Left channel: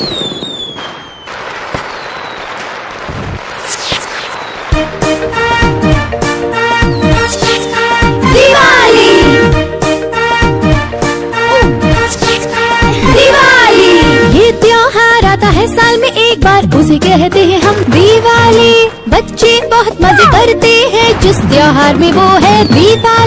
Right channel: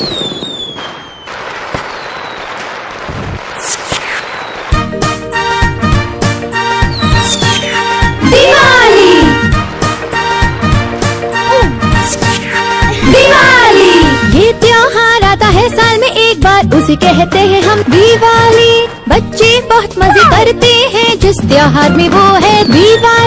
दिवाली दिवाली ये त्योहार आता है साल में एक बार, उसे कहते हैं हम दिवाली। बच्चे बहुत मजे करते हैं जिस त्योहार में, वो है दिवाली।